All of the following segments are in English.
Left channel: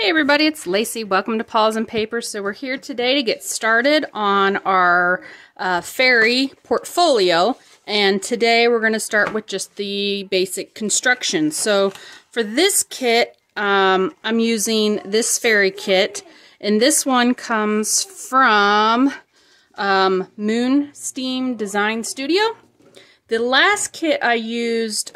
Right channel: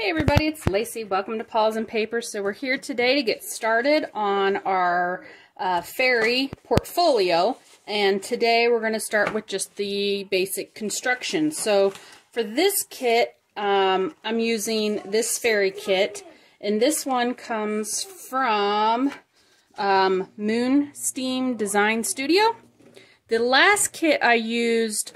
Hey everybody, it's Lacey. Welcome to Paws and Paper. So we're here today to get started on our fairy portfolio, and today we're going to start with just the basic construction. So for this kit, I'm using this fairy kit, and this one comes from Moonsteam Design Studio. The last kit I used,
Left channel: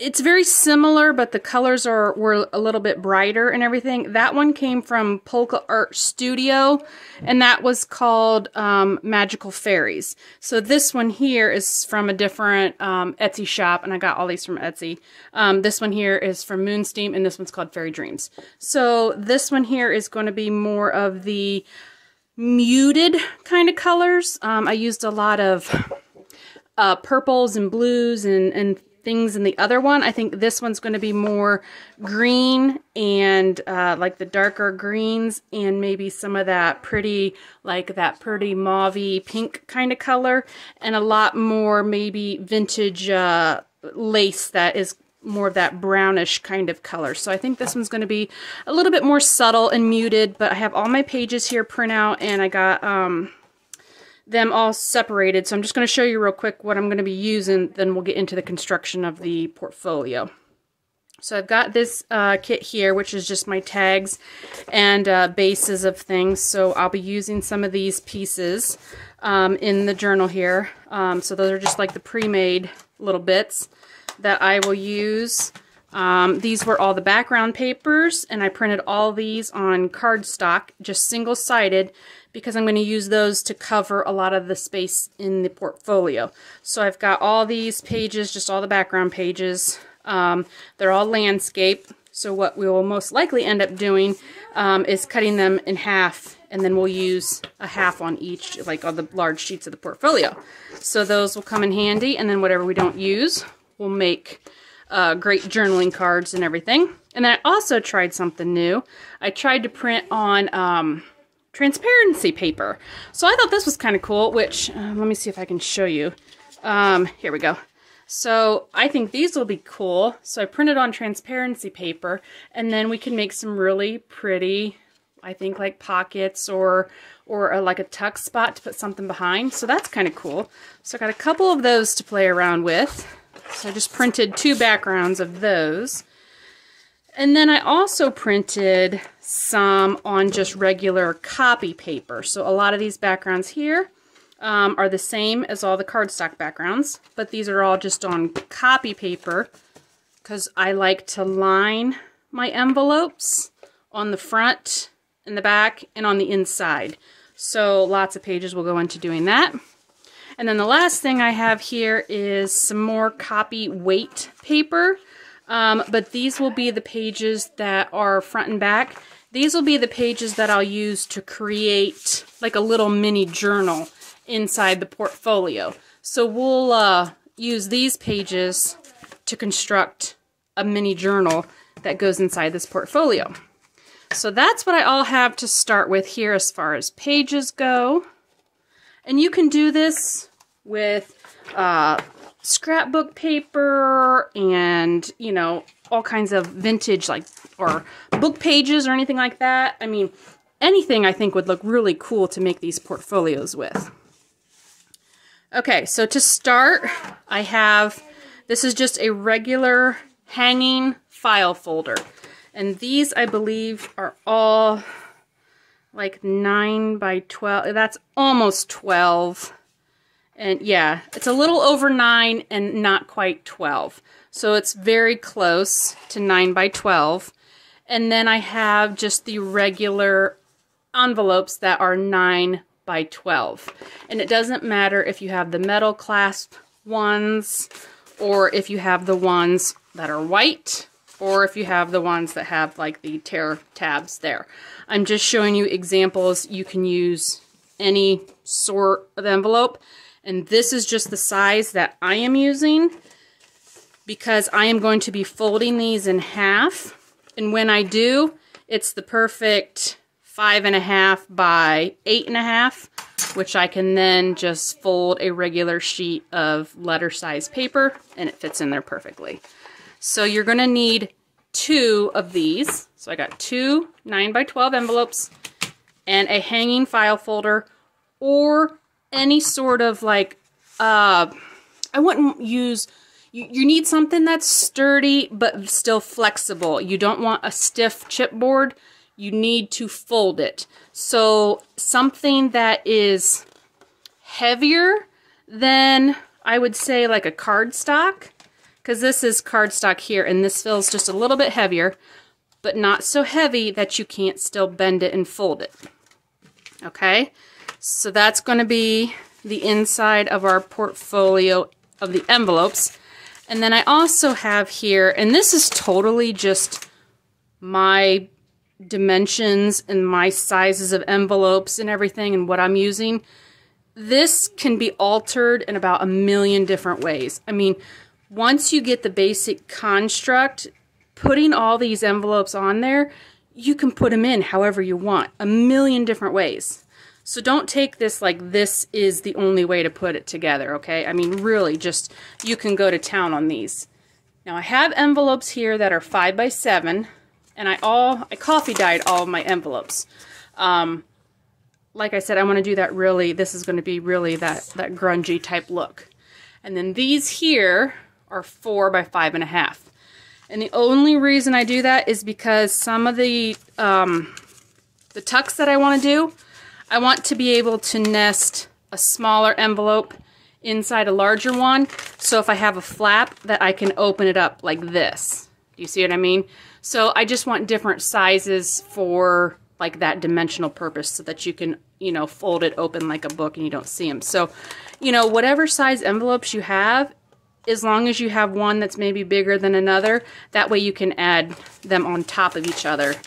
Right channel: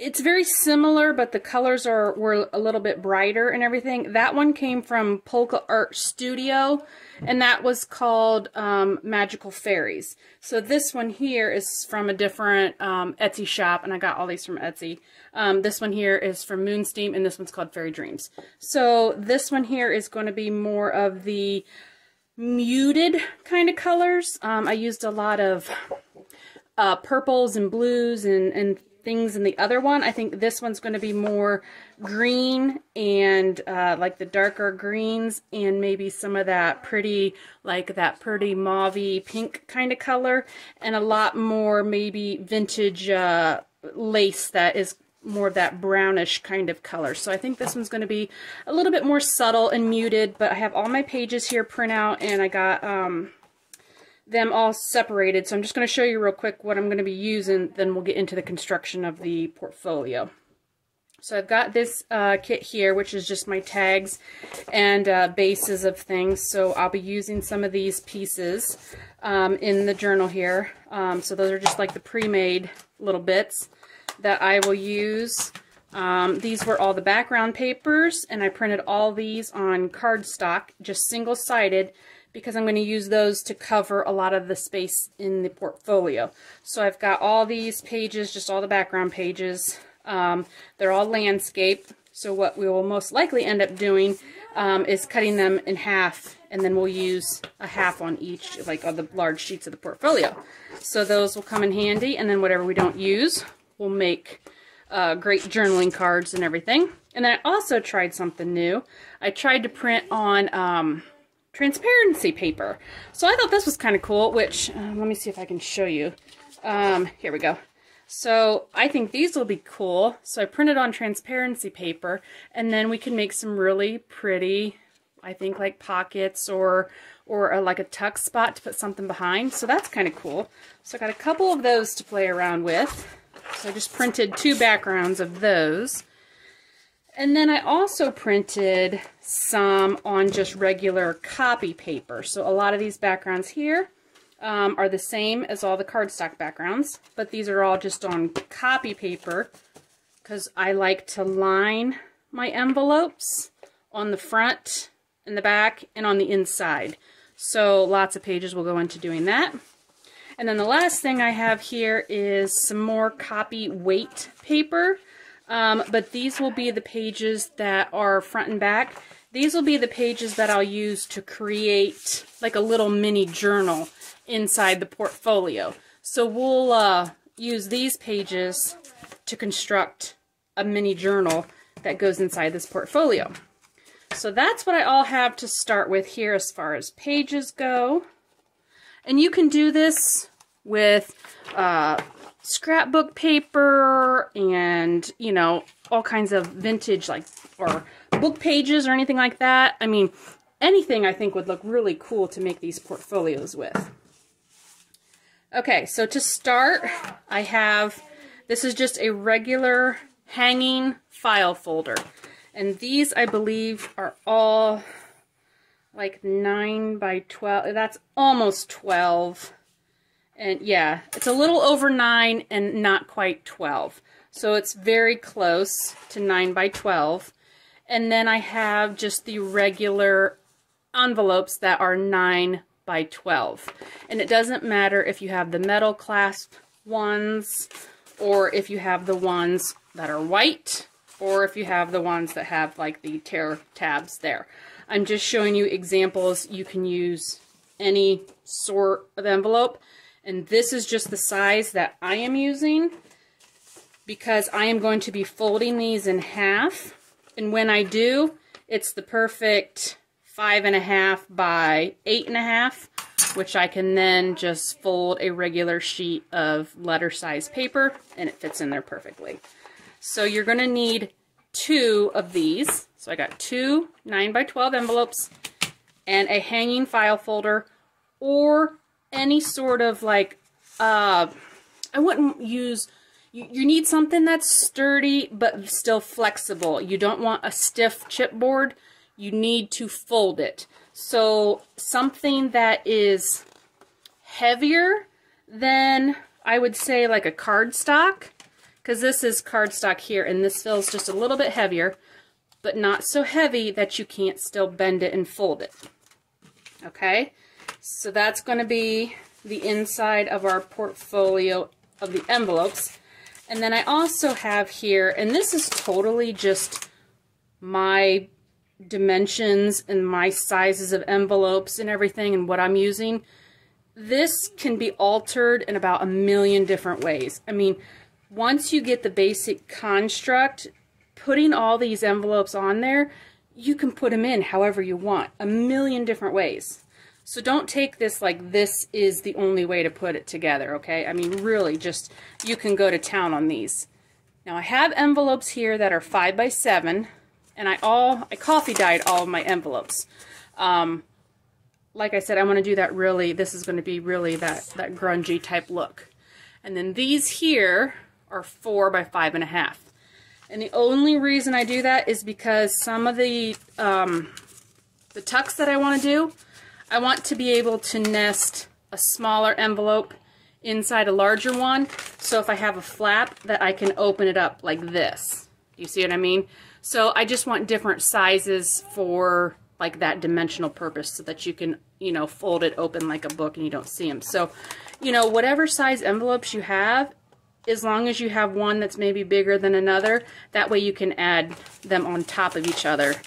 it's very similar, but the colors were a little bit brighter and everything. That one came from Polka Art Studio, and that was called Magical Fairies. So this one here is from a different Etsy shop, and I got all these from Etsy. This one here is from Moonsteam, and this one's called Fairy Dreams. So this one here is going to be more of the muted kind of colors. I used a lot of purples and blues and things in the other one. I think this one's going to be more green and like the darker greens and maybe some of that pretty, like that pretty mauvey pink kind of color, and a lot more maybe vintage lace that is more of that brownish kind of color. So I think this one's going to be a little bit more subtle and muted, but I have all my pages here print out, and I got them all separated. So I'm just going to show you real quick what I'm going to be using, then we'll get into the construction of the portfolio. So I've got this kit here, which is just my tags and bases of things. So I'll be using some of these pieces in the journal here. So those are just like the pre-made little bits that I will use. These were all the background papers, and I printed all these on cardstock, just single-sided, because I'm going to use those to cover a lot of the space in the portfolio. So I've got all these pages, just all the background pages. They're all landscape, so what we will most likely end up doing is cutting them in half, and then we'll use a half on each, like on the large sheets of the portfolio. So those will come in handy, and then whatever we don't use, we'll make great journaling cards and everything. And then I also tried something new. I tried to print on transparency paper. So I thought this was kind of cool, which, let me see if I can show you. Here we go. So I think these will be cool. So I printed on transparency paper, and then we can make some really pretty, I think, like pockets or like a tuck spot to put something behind. So that's kind of cool. So I got a couple of those to play around with. So I just printed 2 backgrounds of those. And then I also printed some on just regular copy paper. So a lot of these backgrounds here are the same as all the cardstock backgrounds, but these are all just on copy paper because I like to line my envelopes on the front and the back and on the inside. So lots of pages will go into doing that. And then the last thing I have here is some more copy weight paper. But these will be the pages that are front and back. These will be the pages that I'll use to create like a little mini journal inside the portfolio. So we'll use these pages to construct a mini journal that goes inside this portfolio. So that's what I all have to start with here as far as pages go. And you can do this with scrapbook paper and, you know, all kinds of vintage, like, or book pages or anything like that. I mean, anything I think would look really cool to make these portfolios with. Okay, so to start, I have, this is just a regular hanging file folder. And these, I believe, are all like 9 by 12. That's almost 12. And yeah, it's a little over 9 and not quite 12. So it's very close to 9 by 12. And then I have just the regular envelopes that are 9 by 12. And it doesn't matter if you have the metal clasp ones, or if you have the ones that are white, or if you have the ones that have like the tear tabs there. I'm just showing you examples. You can use any sort of envelope. And this is just the size that I am using because I am going to be folding these in half. And when I do, it's the perfect 5.5 by 8.5, which I can then just fold a regular sheet of letter size paper, and it fits in there perfectly. So you're going to need 2 of these. So I got 2 9x12 envelopes and a hanging file folder, or any sort of like, I wouldn't use, you need something that's sturdy but still flexible. You don't want a stiff chipboard. You need to fold it. So something that is heavier than, I would say, like a cardstock, because this is cardstock here, and this feels just a little bit heavier, but not so heavy that you can't still bend it and fold it. Okay, so that's going to be the inside of our portfolio of the envelopes. And then I also have here, and this is totally just my dimensions and my sizes of envelopes and everything and what I'm using. This can be altered in about a million different ways. I mean, once you get the basic construct, putting all these envelopes on there, you can put them in however you want, a million different ways. So don't take this like this is the only way to put it together, okay? I mean, really, just, you can go to town on these. Now, I have envelopes here that are 5x7, and I coffee dyed all of my envelopes. Like I said, I want to do that really, this is going to be really that grungy type look. And then these here are 4x5.5. And the only reason I do that is because some of the tucks that I want to do, I want to be able to nest a smaller envelope inside a larger one. So if I have a flap, that I can open it up like this. Do you see what I mean? So I just want different sizes for like that dimensional purpose, so that you can, you know, fold it open like a book and you don't see them. So, you know, whatever size envelopes you have, as long as you have one that's maybe bigger than another, that way you can add them on top of each other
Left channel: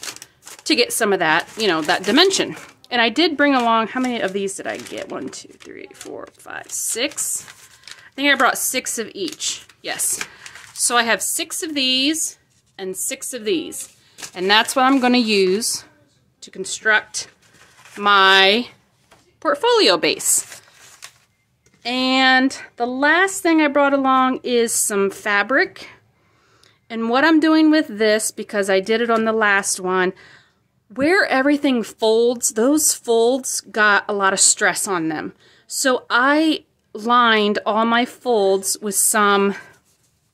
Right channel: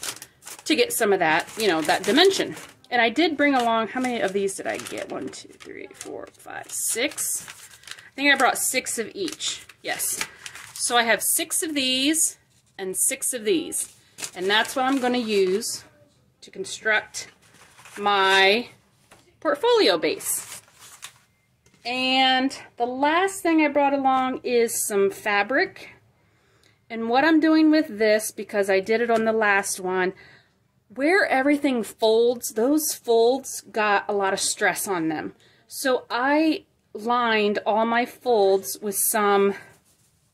to get some of that, you know, that dimension. And I did bring along, how many of these did I get? 1, 2, 3, 4, 5, 6. I think I brought 6 of each. Yes. So I have 6 of these and 6 of these. And that's what I'm going to use to construct my portfolio base. And the last thing I brought along is some fabric. And what I'm doing with this, because I did it on the last one, where everything folds, those folds got a lot of stress on them. So I lined all my folds with some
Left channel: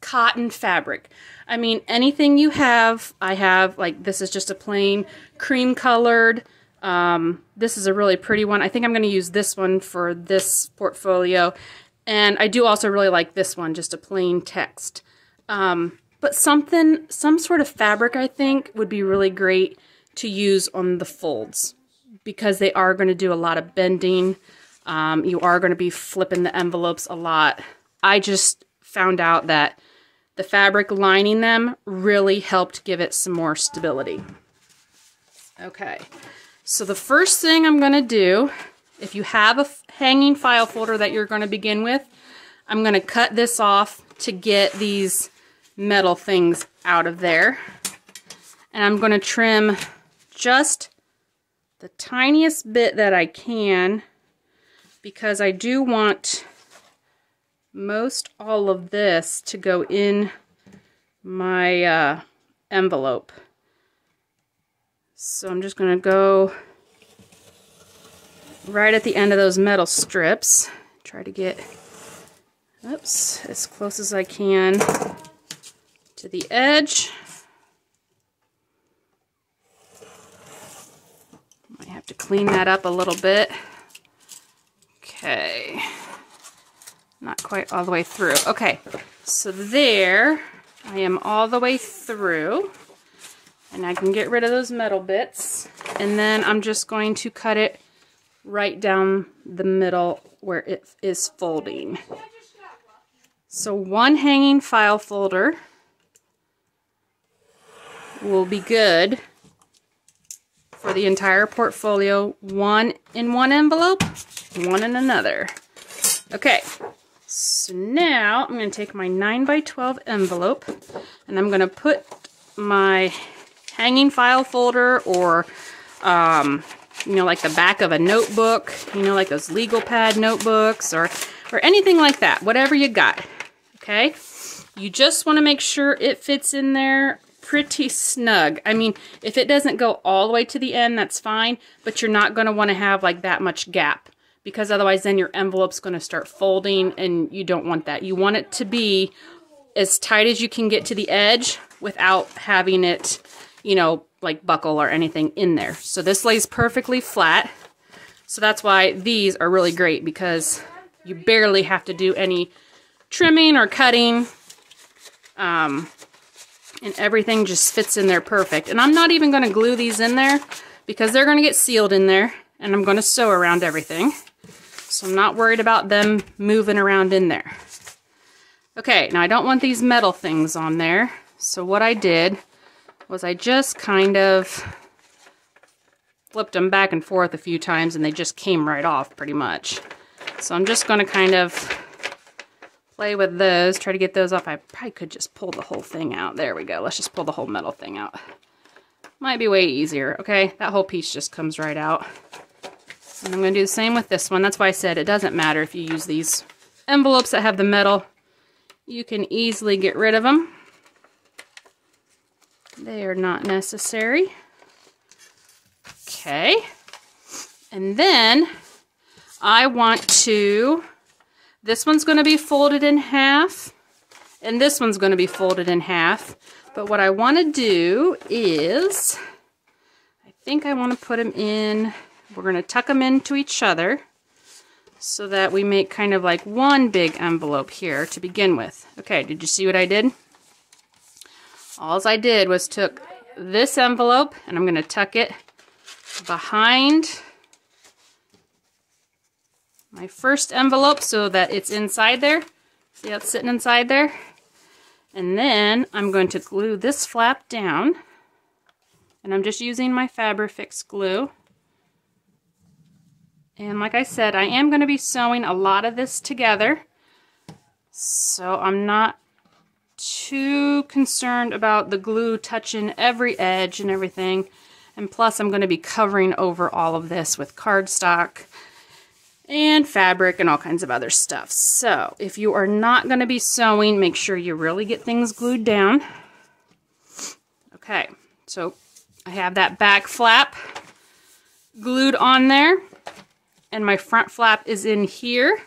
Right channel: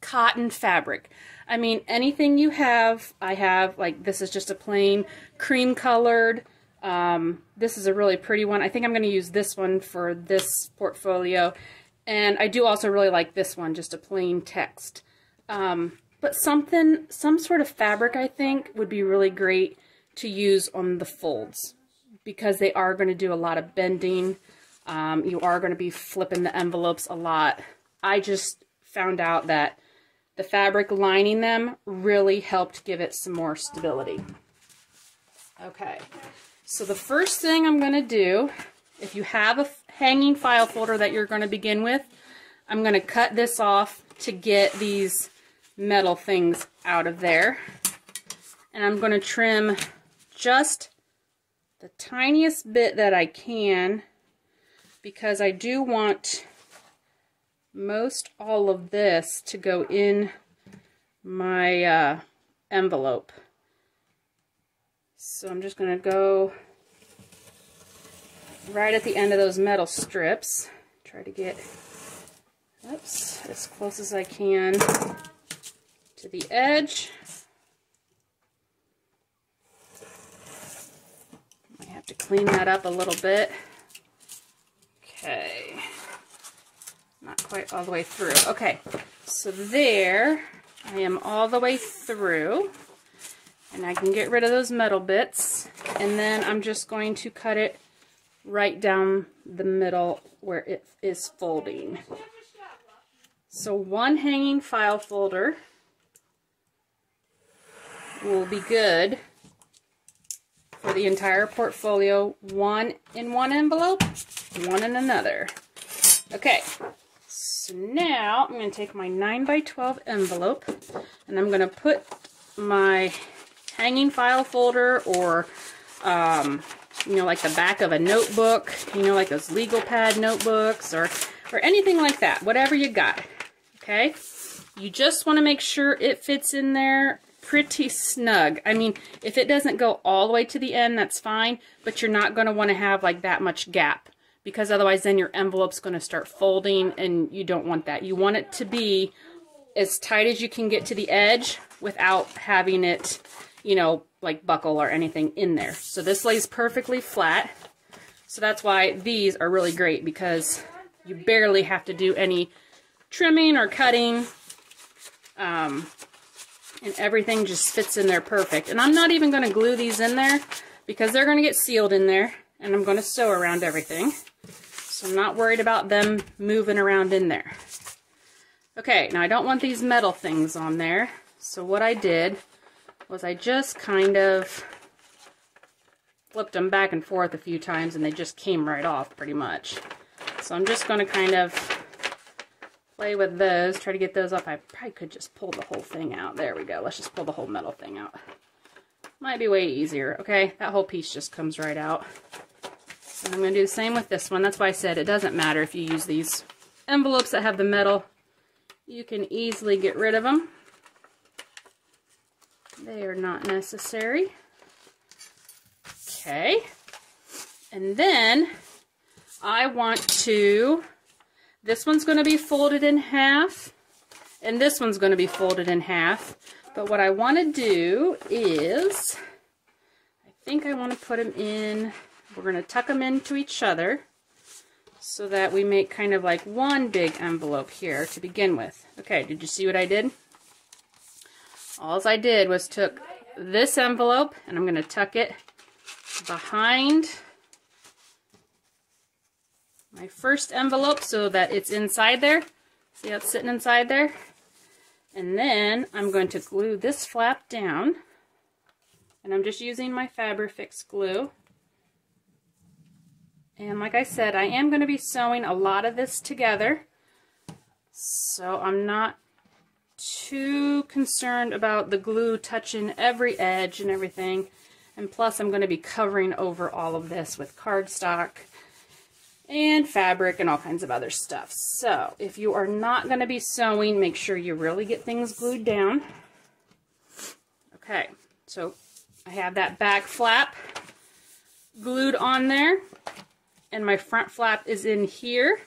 cotton fabric. I mean, anything you have, I have, like this is just a plain cream colored. This is a really pretty one. I think I'm going to use this one for this portfolio. And I do also really like this one, just a plain text. But some sort of fabric, I think, would be really great to use on the folds, because they are going to do a lot of bending. You are going to be flipping the envelopes a lot. I just found out that the fabric lining them really helped give it some more stability. Okay, so the first thing I'm going to do, if you have a hanging file folder that you're going to begin with, I'm going to cut this off to get these metal things out of there. And I'm going to trim just the tiniest bit that I can, because I do want most all of this to go in my envelope. So I'm just going to go right at the end of those metal strips. Try to get, oops, as close as I can to the edge. Might have to clean that up a little bit. Okay. Not quite all the way through. Okay, so there, I am all the way through. And I can get rid of those metal bits. And then I'm just going to cut it right down the middle where it is folding. So one hanging file folder will be good for the entire portfolio. One in one envelope, one in another. Okay, so now I'm going to take my 9x12 envelope and I'm going to put my hanging file folder, or you know, like the back of a notebook, you know, like those legal pad notebooks, or anything like that, whatever you got. Okay, you just want to make sure it fits in there pretty snug. I mean, if it doesn't go all the way to the end, that's fine, but you're not going to want to have like that much gap, because otherwise then your envelope's going to start folding, and you don't want that. You want it to be as tight as you can get to the edge without having it, you know, like buckle or anything in there. So this lays perfectly flat. So that's why these are really great, because you barely have to do any trimming or cutting. And everything just fits in there perfect. And I'm not even going to glue these in there, because they're going to get sealed in there, and I'm going to sew around everything. So I'm not worried about them moving around in there. Okay, now I don't want these metal things on there. So what I did was I just kind of flipped them back and forth a few times, and they just came right off pretty much. So I'm just going to kind of play with those, try to get those off. I probably could just pull the whole thing out. There we go. Let's just pull the whole metal thing out. Might be way easier. Okay, that whole piece just comes right out. And I'm going to do the same with this one. That's why I said it doesn't matter if you use these envelopes that have the metal. You can easily get rid of them. They are not necessary. Okay. And then I want to... This one's going to be folded in half, and this one's going to be folded in half. But what I want to do is, I think I want to put them in, we're going to tuck them into each other so that we make kind of like one big envelope here to begin with. Okay, did you see what I did? All I did was took this envelope, and I'm going to tuck it behind my first envelope so that it's inside there. See how it's sitting inside there? And then I'm going to glue this flap down. And I'm just using my Fabrifix glue. And like I said, I am going to be sewing a lot of this together. So I'm not too concerned about the glue touching every edge and everything. And plus I'm going to be covering over all of this with cardstock and fabric and all kinds of other stuff. So if you are not going to be sewing, make sure you really get things glued down. Okay, so I have that back flap glued on there, and my front flap is in here,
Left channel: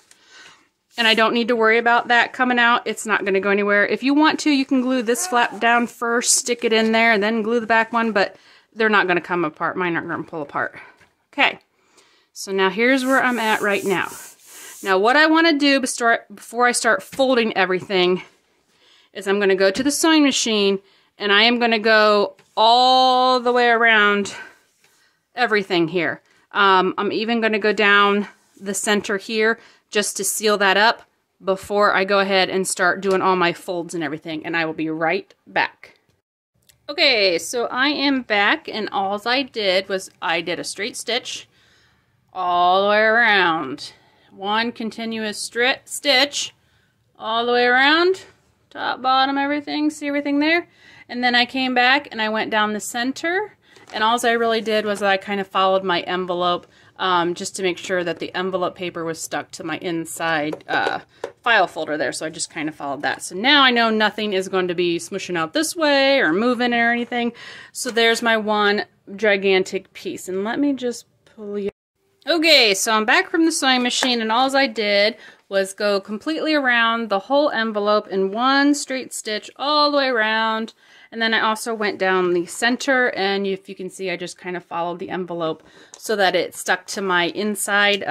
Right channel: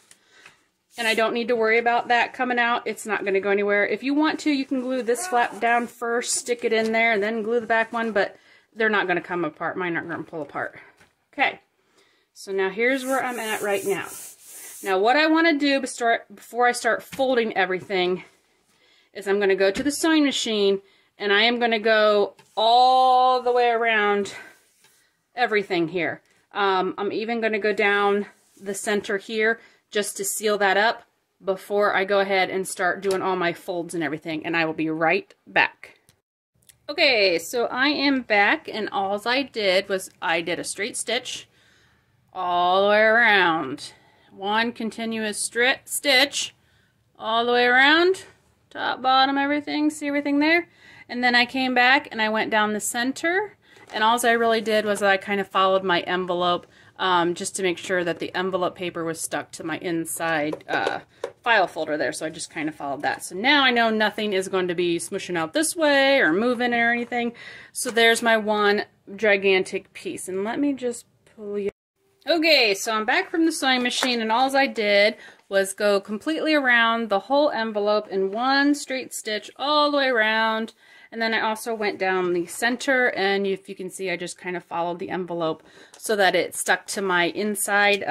and I don't need to worry about that coming out. It's not going to go anywhere. If you want to, you can glue this flap down first, stick it in there, and then glue the back one, but they're not going to come apart. Mine aren't going to pull apart. Okay. So now here's where I'm at right now. Now what I want to do before I start folding everything is I'm going to go to the sewing machine, and I am going to go all the way around everything here. I'm even going to go down the center here just to seal that up before I go ahead and start doing all my folds and everything, and I will be right back. Okay, so I am back, and all I did was I did a straight stitch all the way around. One continuous stitch all the way around, top, bottom, everything. See everything there? And then I came back and I went down the center, and all I really did was I kind of followed my envelope just to make sure that the envelope paper was stuck to my inside file folder there. So I just kind of followed that. So now I know nothing is going to be smushing out this way or moving or anything. So there's my one gigantic piece. And let me just pull you. Okay, so I'm back from the sewing machine, and all I did was go completely around the whole envelope in one straight stitch all the way around. And then I also went down the center, and if you can see, I just kind of followed the envelope so that it stuck to my inside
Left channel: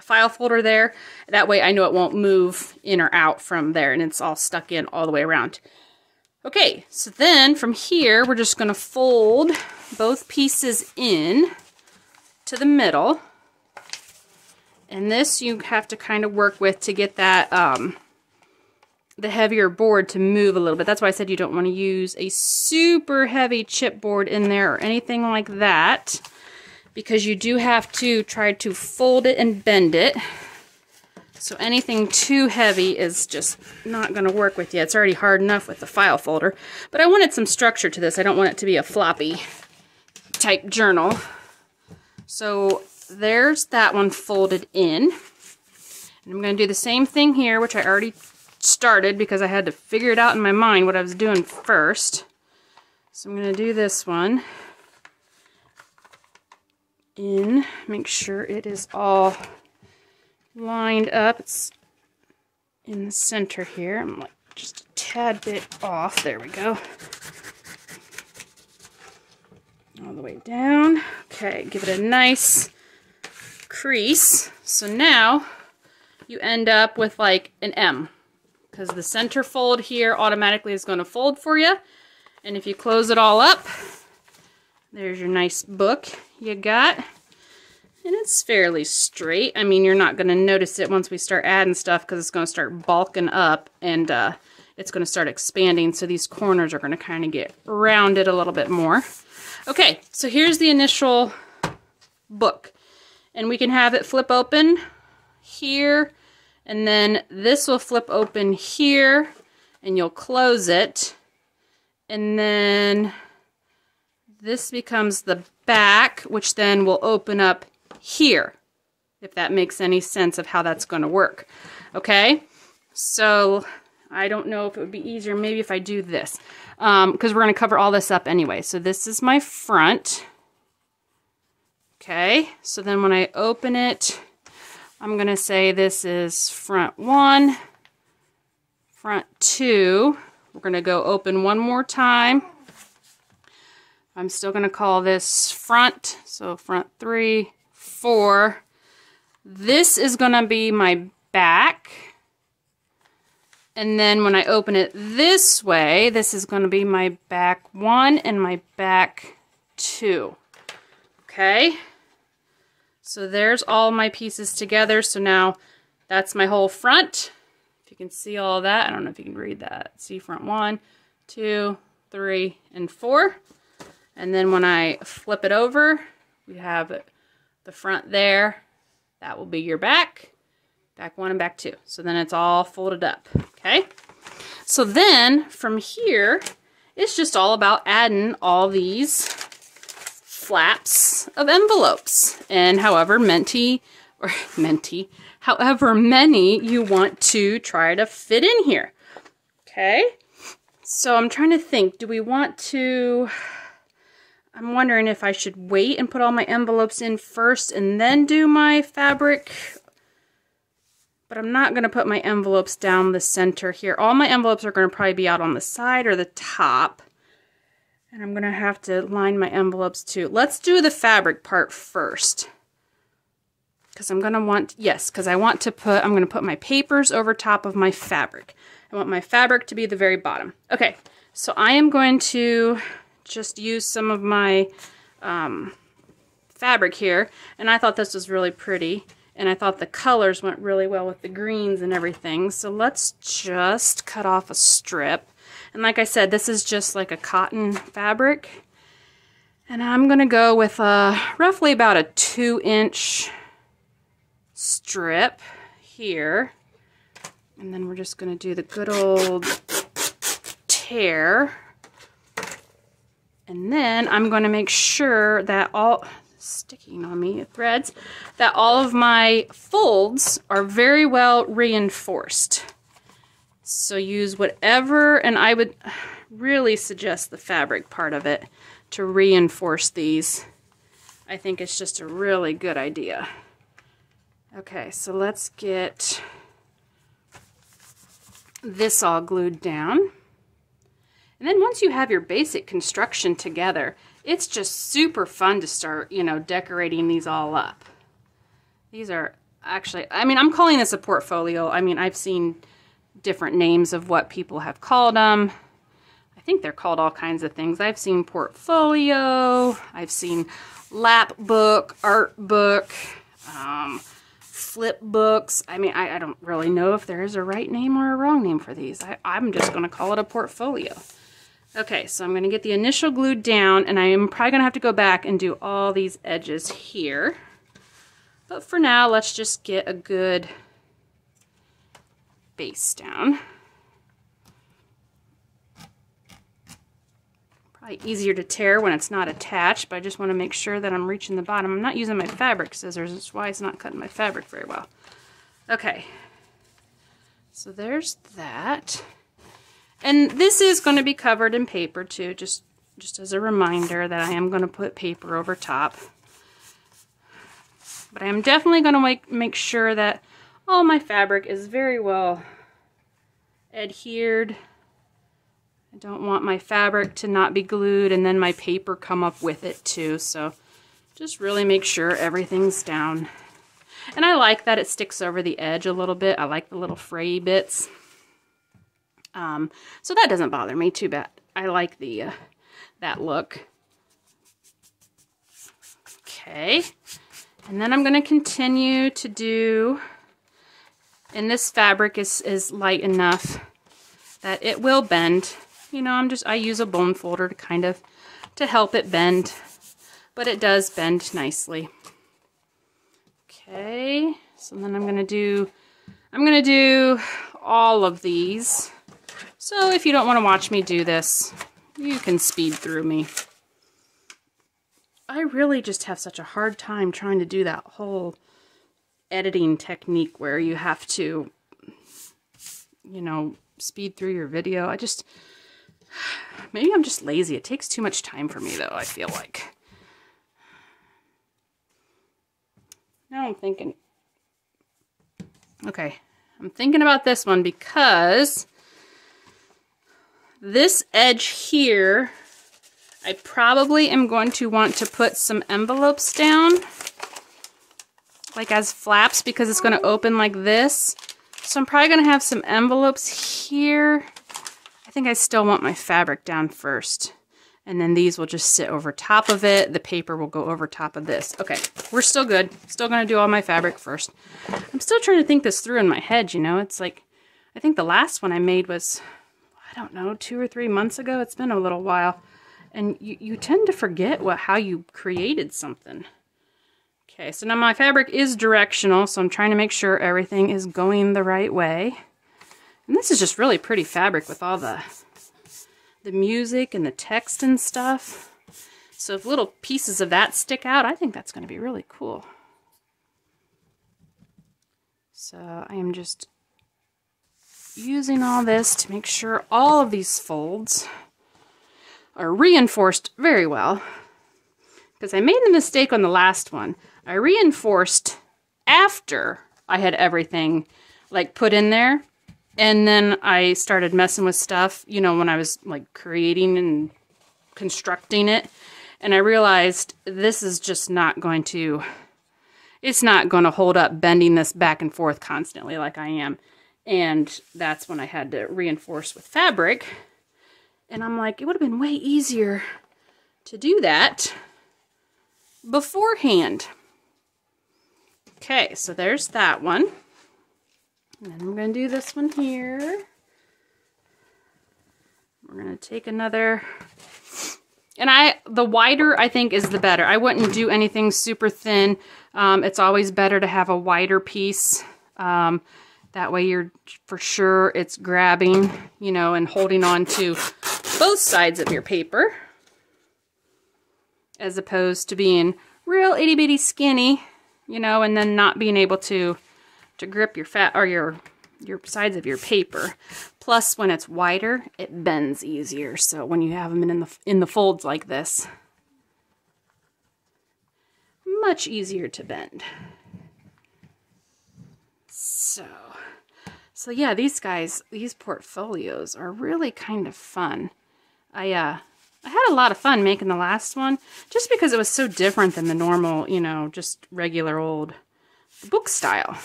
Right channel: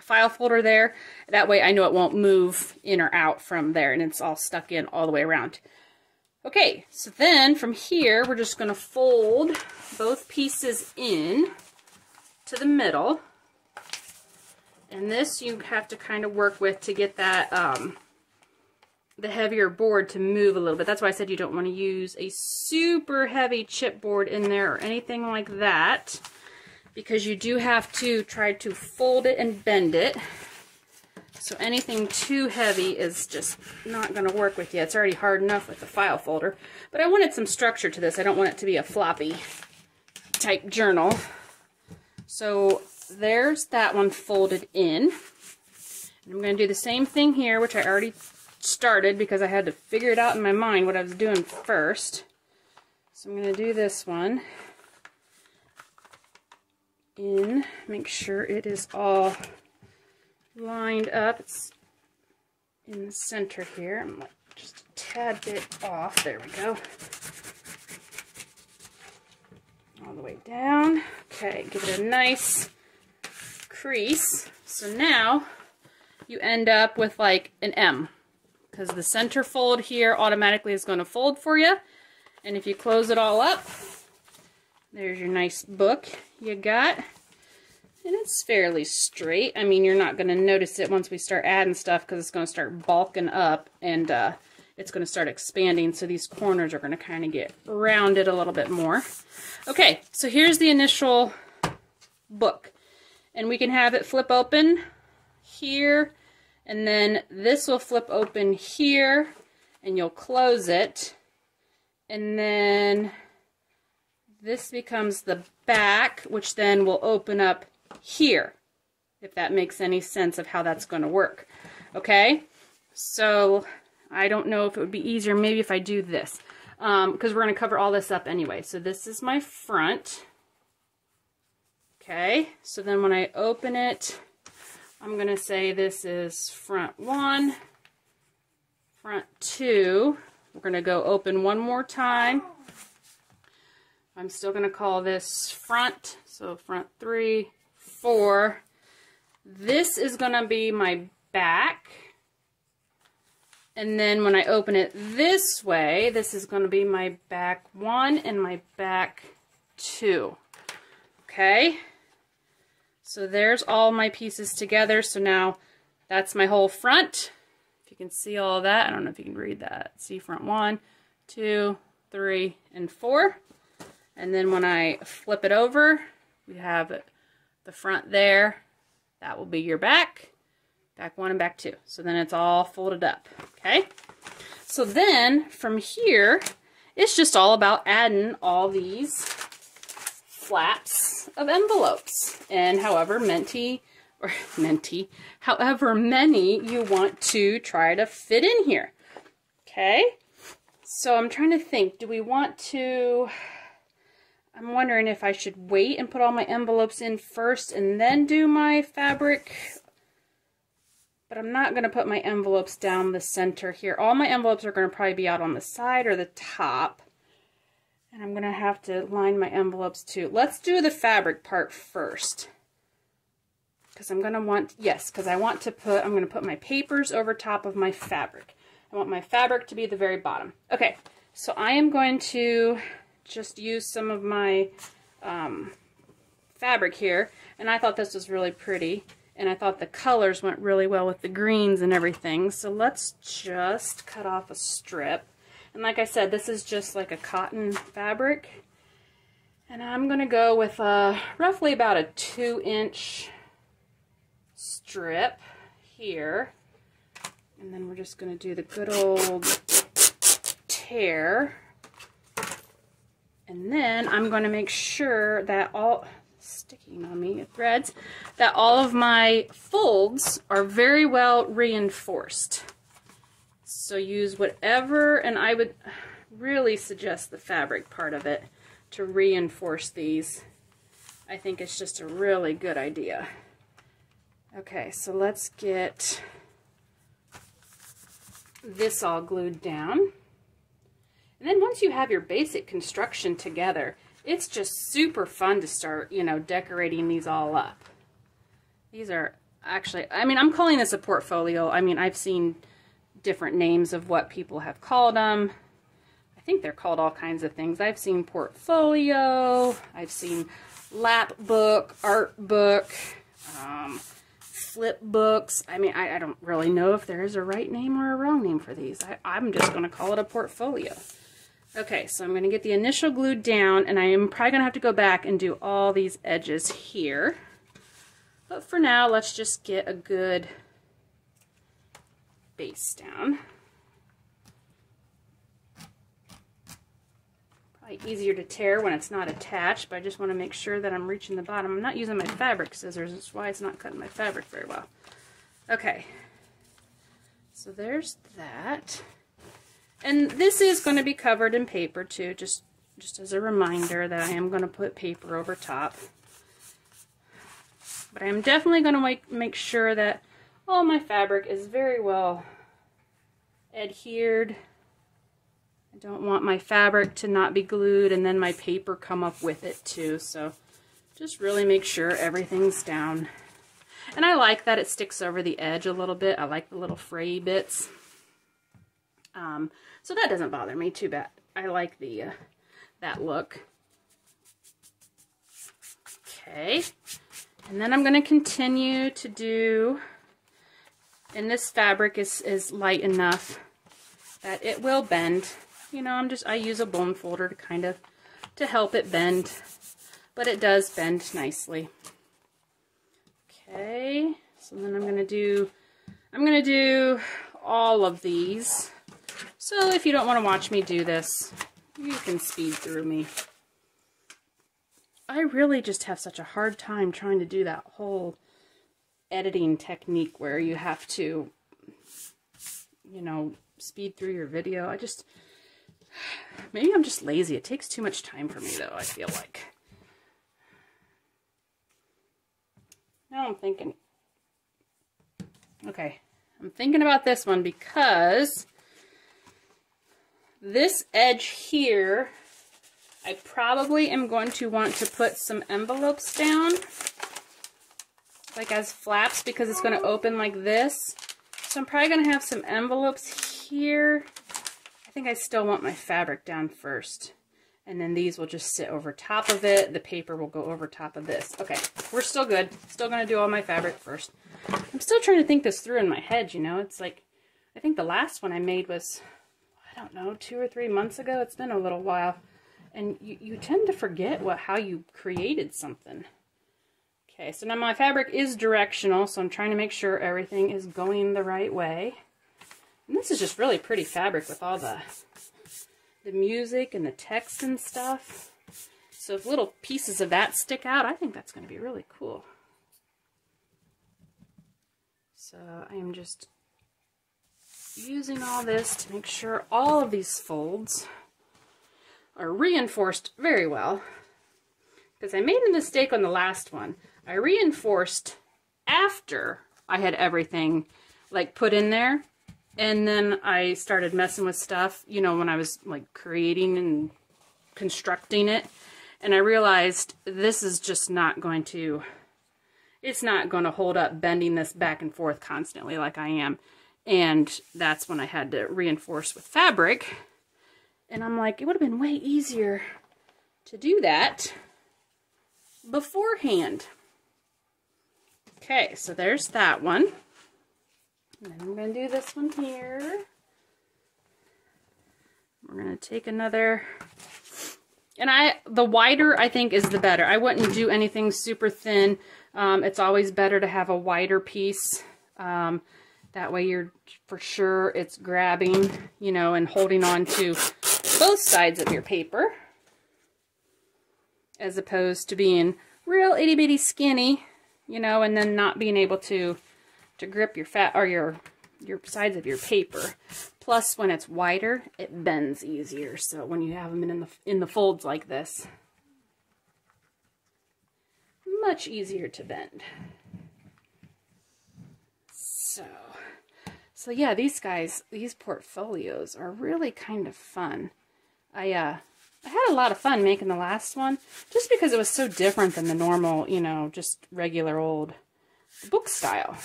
file folder there. That way I know it won't move in or out from there, and it's all stuck in all the way around. Okay, so then from here, we're just going to fold both pieces in to the middle, and this you have to kind of work with to get that the heavier board to move a little bit. That's why I said you don't want to use a super heavy chipboard in there or anything like that, because you do have to try to fold it and bend it. So anything too heavy is just not going to work with you. It's already hard enough with the file folder, but I wanted some structure to this. I don't want it to be a floppy type journal. So there's that one folded in. And I'm going to do the same thing here, which I already started because I had to figure it out in my mind what I was doing first. So I'm going to do this one in, make sure it is all lined up. It's in the center here. I'm like just a tad bit off. There we go. All the way down. Okay, give it a nice crease. So now you end up with like an M, because the center fold here automatically is going to fold for you. And if you close it all up, there's your nice book you got. And it's fairly straight. I mean, you're not going to notice it once we start adding stuff, because it's going to start bulking up and it's going to start expanding. So these corners are going to kind of get rounded a little bit more. Okay, so here's the initial book. And we can have it flip open here, and then this will flip open here, and you'll close it. And then this becomes the back, which then will open up here, if that makes any sense of how that's going to work. Okay, so I don't know if it would be easier maybe if I do this, because we're going to cover all this up anyway. So this is my front. Okay, so then when I open it, I'm going to say this is front 1, front 2. We're going to go open one more time. I'm still going to call this front, so front 3, 4. This is going to be my back. And then when I open it this way, this is going to be my back 1 and my back 2. Okay? So there's all my pieces together. So now that's my whole front. If you can see all that, I don't know if you can read that. See front 1, 2, 3, and 4. And then when I flip it over, we have the front there. That will be your back. Back 1 and back 2. So then it's all folded up. Okay? So then from here, it's just all about adding all these flaps of envelopes, and however many you want to try to fit in here. Okay, so I'm trying to think, do we want to, I'm wondering if I should wait and put all my envelopes in first and then do my fabric, but I'm not going to put my envelopes down the center here. All my envelopes are going to probably be out on the side or the top. And I'm going to have to line my envelopes too. Let's do the fabric part first. Because I'm going to want, yes, because I want to put, I'm going to put my papers over top of my fabric. I want my fabric to be the very bottom. Okay, so I am going to just use some of my fabric here. And I thought this was really pretty. And I thought the colors went really well with the greens and everything. So let's just cut off a strip. And like I said, this is just like a cotton fabric. And I'm going to go with roughly about a 2-inch strip here. And then we're just going to do the good old tear. And then I'm going to make sure that all, sticking on me, threads, that all of my folds are very well reinforced. So use whatever, and I would really suggest the fabric part of it to reinforce these. I think it's just a really good idea. Okay, so let's get this all glued down. And then once you have your basic construction together, it's just super fun to start, you know, decorating these all up. These are actually, I mean, I'm calling this a portfolio. I mean, I've seen different names of what people have called them. I think they're called all kinds of things. I've seen portfolio, I've seen lap book, art book, flip books. I mean, I don't really know if there is a right name or a wrong name for these. I'm just going to call it a portfolio. Okay, so I'm going to get the initial glued down, and I am probably going to have to go back and do all these edges here. But for now, let's just get a good base down. Probably easier to tear when it's not attached, but I just want to make sure that I'm reaching the bottom. I'm not using my fabric scissors, that's why it's not cutting my fabric very well. Okay, so there's that. And this is going to be covered in paper too, just just as a reminder that I am going to put paper over top. But I am definitely going to make sure that all my fabric is very well adhered. I don't want my fabric to not be glued and then my paper come up with it too. So just really make sure everything's down. And I like that it sticks over the edge a little bit. I like the little fray bits. So that doesn't bother me too bad. I like the that look. Okay. And then I'm going to continue to do, and this fabric is light enough that it will bend. You know, I use a bone folder to kind of, to help it bend, but it does bend nicely. Okay, so then I'm going to do all of these. So if you don't want to watch me do this, you can speed through me. I really just have such a hard time trying to do that whole editing technique where you have to, you know, speed through your video. Maybe I'm just lazy. It takes too much time for me though, I feel like. Now I'm thinking, okay, I'm thinking about this one because this edge here, I probably am going to want to put some envelopes down, like as flaps, because it's going to open like this. So I'm probably going to have some envelopes here. I think I still want my fabric down first. And then these will just sit over top of it. The paper will go over top of this. Okay, we're still good. Still going to do all my fabric first. I'm still trying to think this through in my head, you know. It's like, I think the last one I made was, I don't know, 2 or 3 months ago. It's been a little while. And you tend to forget how you created something. Okay, so now my fabric is directional, so I'm trying to make sure everything is going the right way. And this is just really pretty fabric with all the music and the text and stuff. So if little pieces of that stick out, I think that's going to be really cool. So I am just using all this to make sure all of these folds are reinforced very well. Because I made the mistake on the last one. I reinforced after I had everything like put in there. And then I started messing with stuff, you know, when I was like creating and constructing it. And I realized this is just not going to, it's not going to hold up bending this back and forth constantly like I am. And that's when I had to reinforce with fabric. And I'm like, it would have been way easier to do that beforehand. Okay, so there's that one. And then I'm going to do this one here. We're going to take another, and the wider I think is the better. I wouldn't do anything super thin. It's always better to have a wider piece. That way you're for sure it's grabbing, you know, and holding on to both sides of your paper, as opposed to being real itty bitty skinny, you know, and then not being able to grip your your sides of your paper. Plus, when it's wider, it bends easier. So when you have them in the folds like this, much easier to bend. So yeah, these portfolios are really kind of fun. I had a lot of fun making the last one, just because it was so different than the normal, you know, just regular old book style.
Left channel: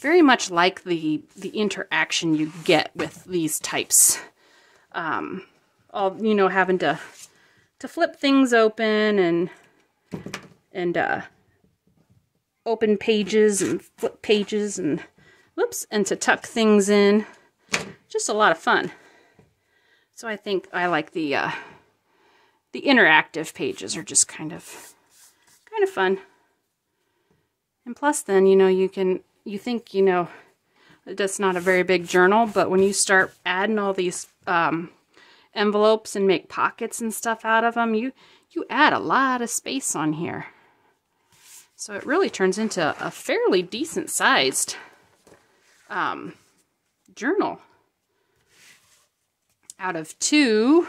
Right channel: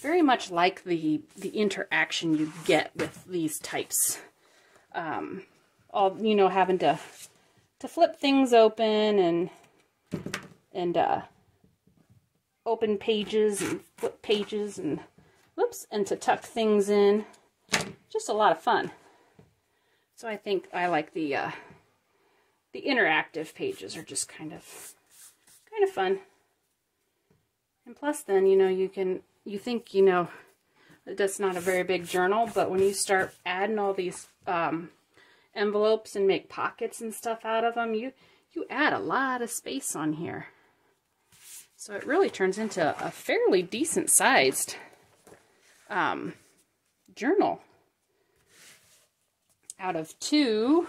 Very much like the interaction you get with these types. All, you know, having to flip things open and open pages and flip pages and whoops, and to tuck things in. Just a lot of fun. So I think I like the interactive pages are just kind of fun. And plus then, you know, you think, you know, that's not a very big journal, but when you start adding all these envelopes and make pockets and stuff out of them, you add a lot of space on here. So it really turns into a fairly decent sized journal out of 2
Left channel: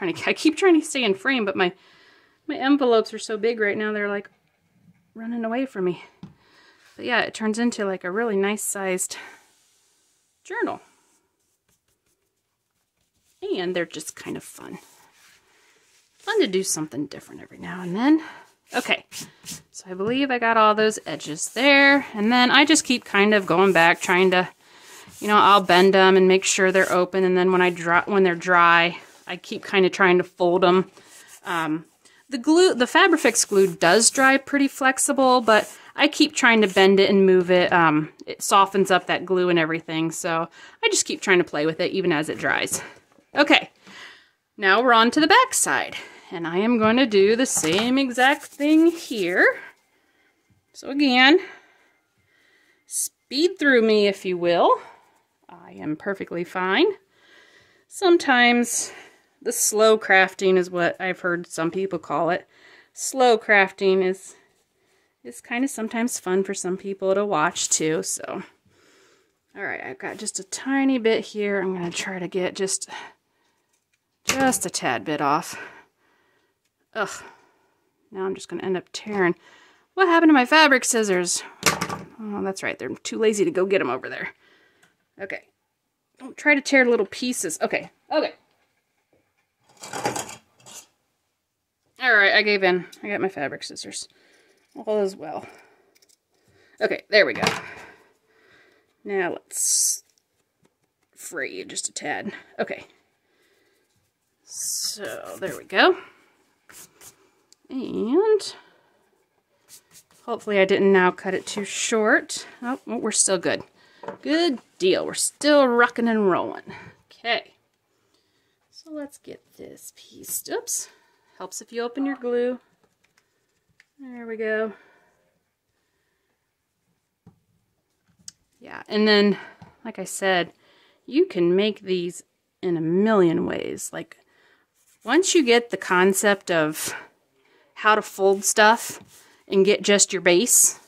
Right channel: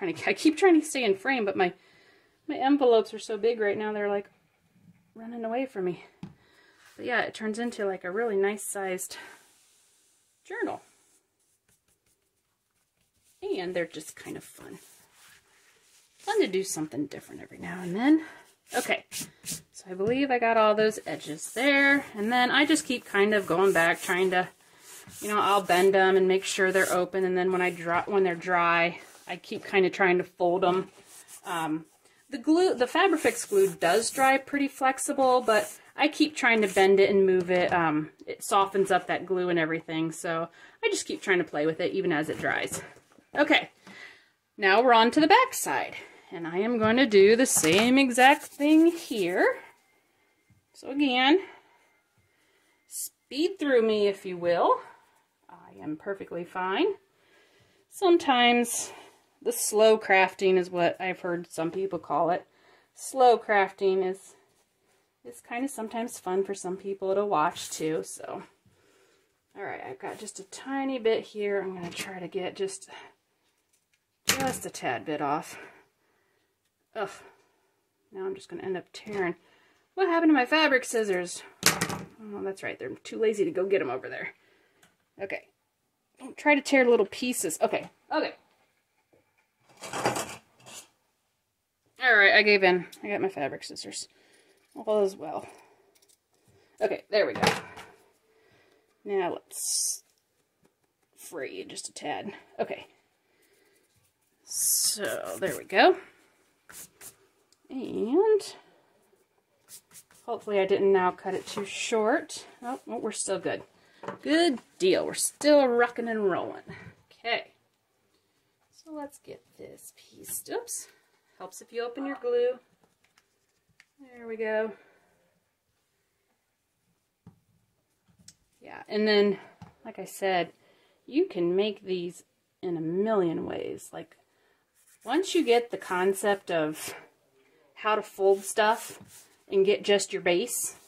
I keep trying to stay in frame, but my envelopes are so big right now, they're like running away from me. But yeah, it turns into like a really nice sized journal. And they're just kind of fun. Fun to do something different every now and then. Okay, so I believe I got all those edges there. And then I just keep kind of going back, trying to, you know, I'll bend them and make sure they're open. And then when they're dry, I keep kind of trying to fold them. The Fabrifix glue does dry pretty flexible, but I keep trying to bend it and move it. It softens up that glue and everything. So I just keep trying to play with it even as it dries. Okay, now we're on to the back side. And I am going to do the same exact thing here. So again, speed through me if you will. I am perfectly fine. Sometimes the slow crafting is what I've heard some people call it. Slow crafting is kind of sometimes fun for some people to watch too. So, all right, I've got just a tiny bit here. I'm going to try to get just a tad bit off. Ugh, now I'm just going to end up tearing. What happened to my fabric scissors? Oh, that's right. They're too lazy to go get them over there. Okay. Don't try to tear little pieces. Okay. Okay. All right, I gave in. I got my fabric scissors. All is well. Okay, there we go. Now let's fray just a tad. Okay. So, there we go. And hopefully I didn't now cut it too short. Oh, well, we're still good. Good deal. We're still rocking and rolling. Okay. So let's get this piece. Oops. Helps if you open your glue. There we go. Yeah, and then, like I said, you can make these in a million ways. Like, once you get the concept of how to fold stuff and get just your base,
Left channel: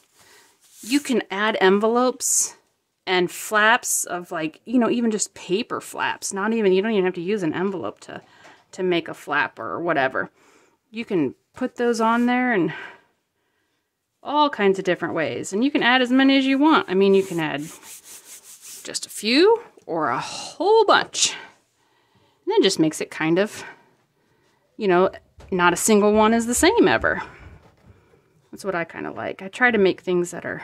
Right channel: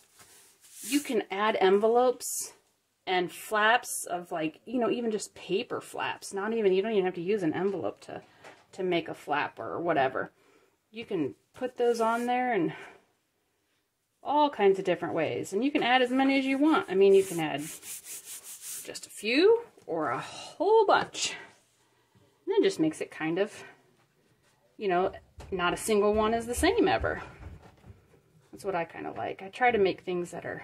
you can add envelopes and flaps of, like, you know, even just paper flaps. Not even, you don't even have to use an envelope to make a flap or whatever. You can put those on there and all kinds of different ways. And you can add as many as you want. I mean, you can add just a few or a whole bunch. And it just makes it kind of, you know, not a single one is the same ever. That's what I kind of like. I try to make things that are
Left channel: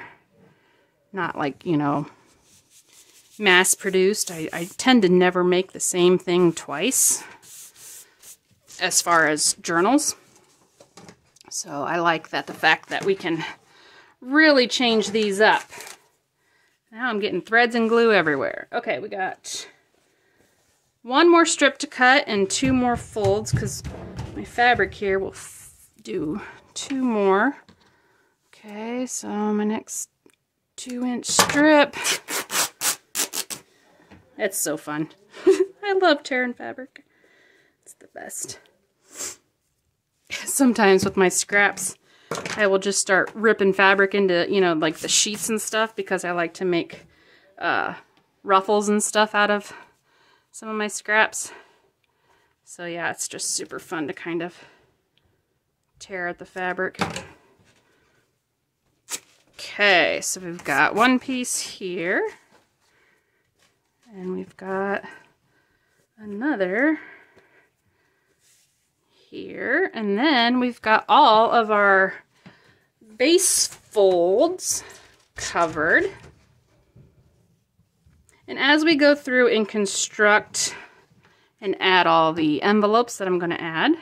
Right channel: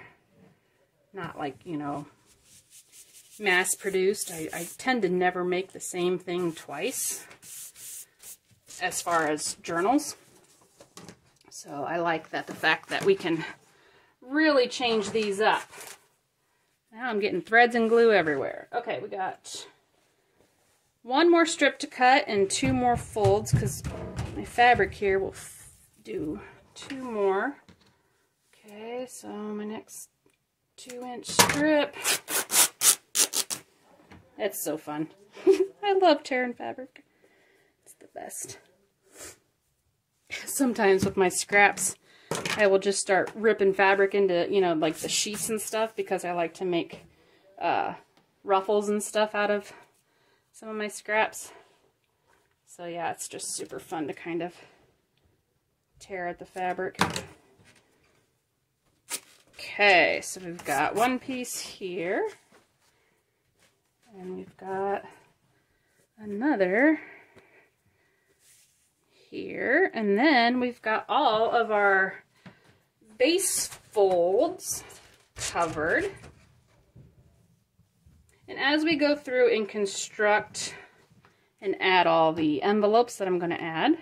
not like, you know, mass produced. I tend to never make the same thing twice as far as journals. So I like that, the fact that we can really change these up. Now I'm getting threads and glue everywhere. Okay, we got one more strip to cut and 2 more folds, because my fabric here will do 2 more. Okay, so my next 2-inch strip. It's so fun. I love tearing fabric. It's the best. Sometimes with my scraps, I will just start ripping fabric into, you know, like the sheets and stuff, because I like to make ruffles and stuff out of some of my scraps. So yeah, it's just super fun to kind of tear at the fabric. Okay, so we've got one piece here, and we've got another here, and then we've got all of our base folds covered. And as we go through and construct and add all the envelopes that I'm going to add,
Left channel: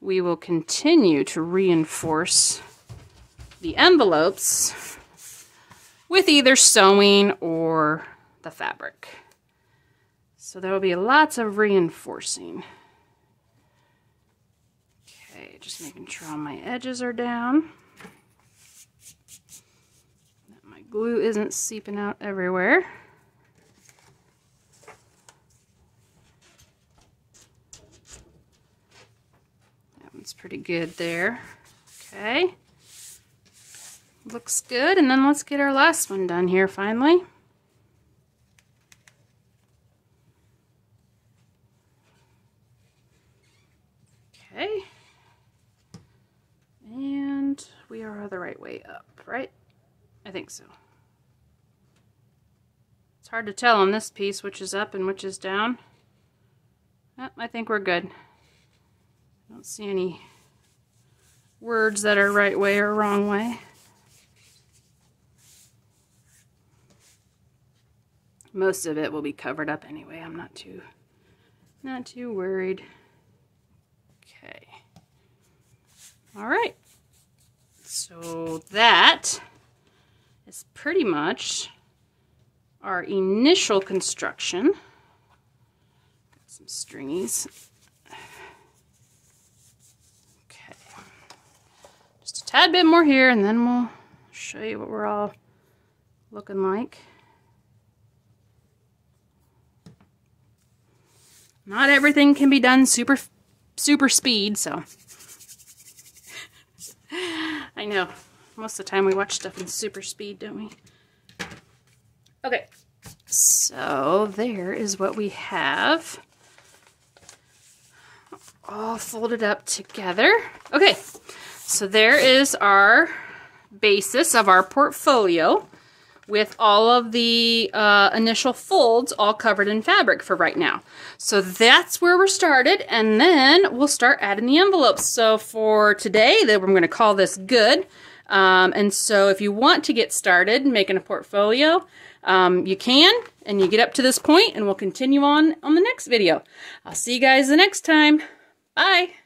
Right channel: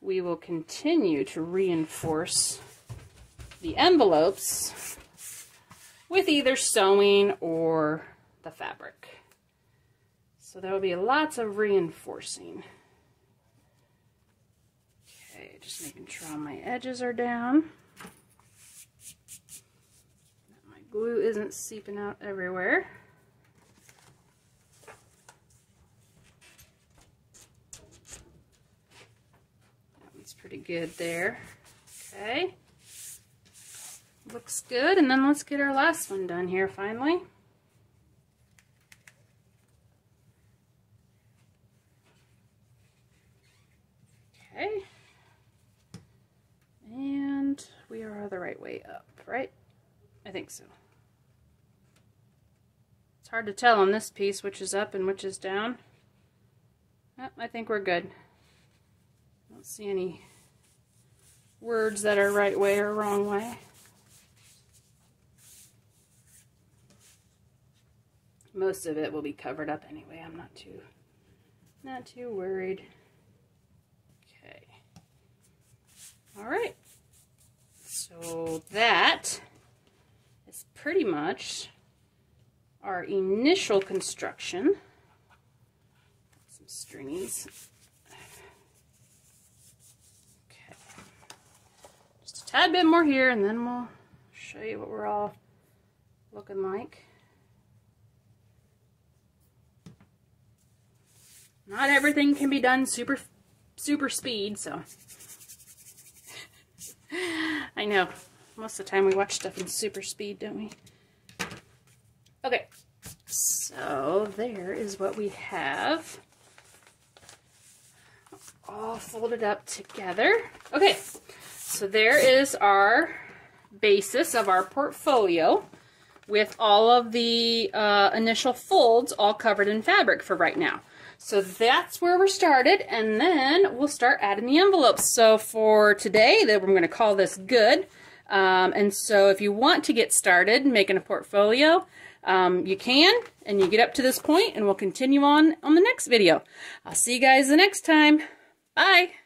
we will continue to reinforce the envelopes with either sewing or the fabric. So there will be lots of reinforcing. Okay, just making sure all my edges are down. My glue isn't seeping out everywhere. That one's pretty good there. Okay. Looks good, and then let's get our last one done here finally. the right way up, right? I think so. It's hard to tell on this piece which is up and which is down. Yep, I think we're good. Don't see any words that are right way or wrong way. Most of it will be covered up anyway. I'm not too worried. Okay. All right. So that is pretty much our initial construction. Some stringies. Okay. Just a tad bit more here, and then we'll show you what we're all looking like. Not everything can be done super speed, so. I know. Most of the time we watch stuff in super speed, don't we? Okay. So there is what we have. All folded up together. Okay. So there is our basis of our portfolio with all of the initial folds all covered in fabric for right now. So that's where we're started, and then we'll start adding the envelopes. So for today, we're going to call this good. And so if you want to get started making a portfolio, you can, and you get up to this point, and we'll continue on the next video. I'll see you guys the next time. Bye!